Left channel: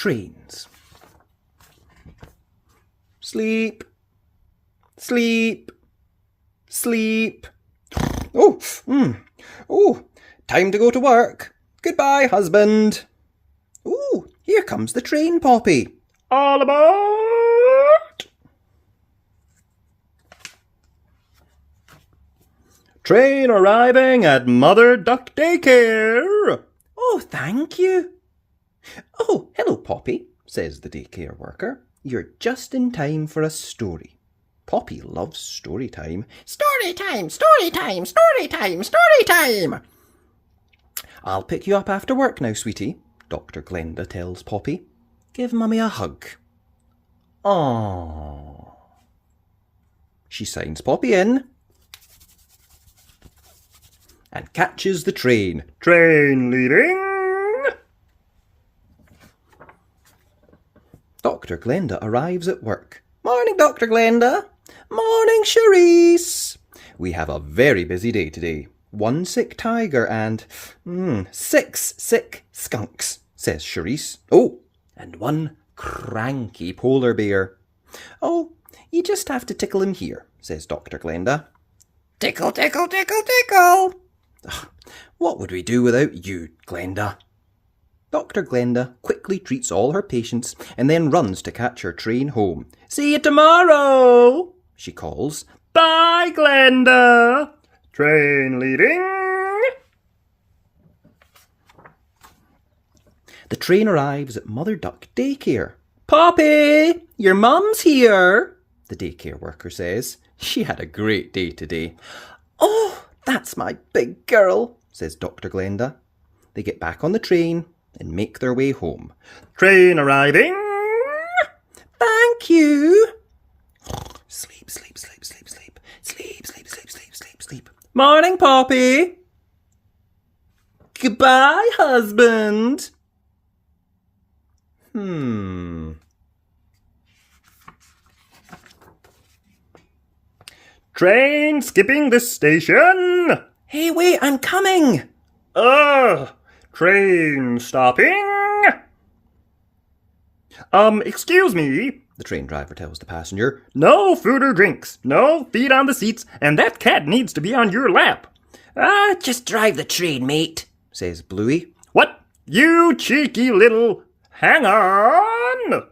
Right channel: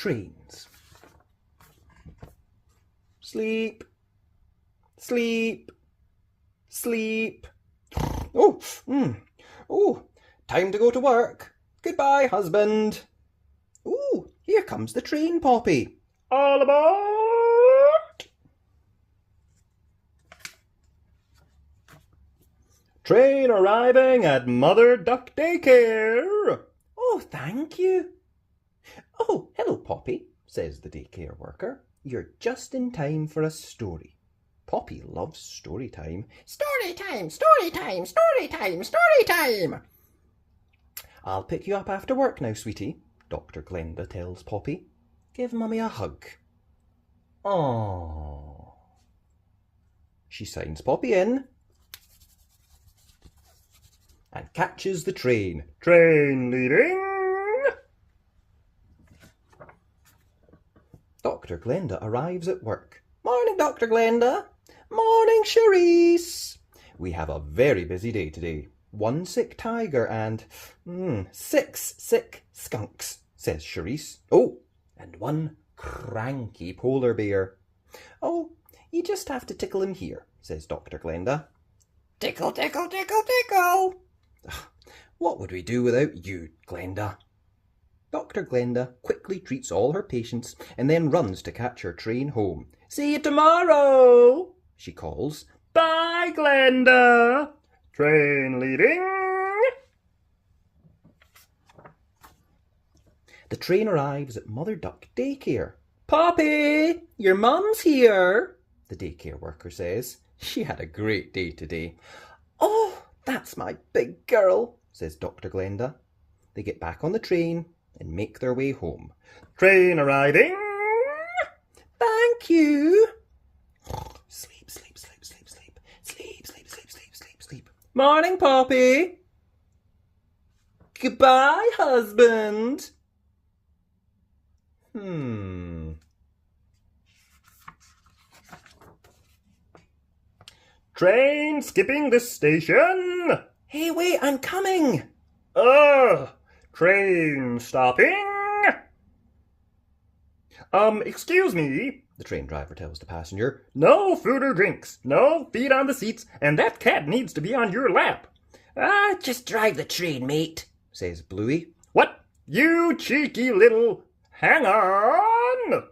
trains. Sleep, sleep, sleep. Oh, time to go to work. Goodbye, husband. Oh, here comes the train, Poppy. All aboard! Train arriving at Mother Duck Daycare. Oh, thank you. Oh, hello, Poppy, says the daycare worker. You're just in time for a story. Poppy loves story time. Story time, story time, story time, story time. I'll pick you up after work now, sweetie, Dr. Glenda tells Poppy. Give Mummy a hug. Aww. She signs Poppy in and catches the train. Train leaving. Dr. Glenda arrives at work. Morning, Dr. Glenda. Morning, Charisse. We have a very busy day today. 1 sick tiger and 6 sick skunks, says Charisse. Oh, and 1 cranky polar bear. Oh, you just have to tickle him here, says Dr. Glenda. Tickle, tickle, tickle, tickle. Ugh, what would we do without you, Glenda? Dr. Glenda quickly treats all her patients and then runs to catch her train home. See you tomorrow, she calls. Bye, Glenda. Train leaving. The train arrives at Mother Duck Daycare. Poppy, your mum's here, the daycare worker says. She had a great day today. Oh, that's my big girl, says Dr. Glenda. They get back on the train and make their way home. Train arriving. Thank you. Sleep, sleep, sleep, sleep, sleep. Sleep, sleep, sleep, sleep, sleep, sleep. Morning, Poppy. Goodbye, husband. Train skipping this station. Hey, wait, I'm coming. Train stopping. Excuse me, the train driver tells the passenger. No food or drinks, no feet on the seats, and that cat needs to be on your lap. Just drive the train, mate, says Bluey. What? You cheeky little... Hang on!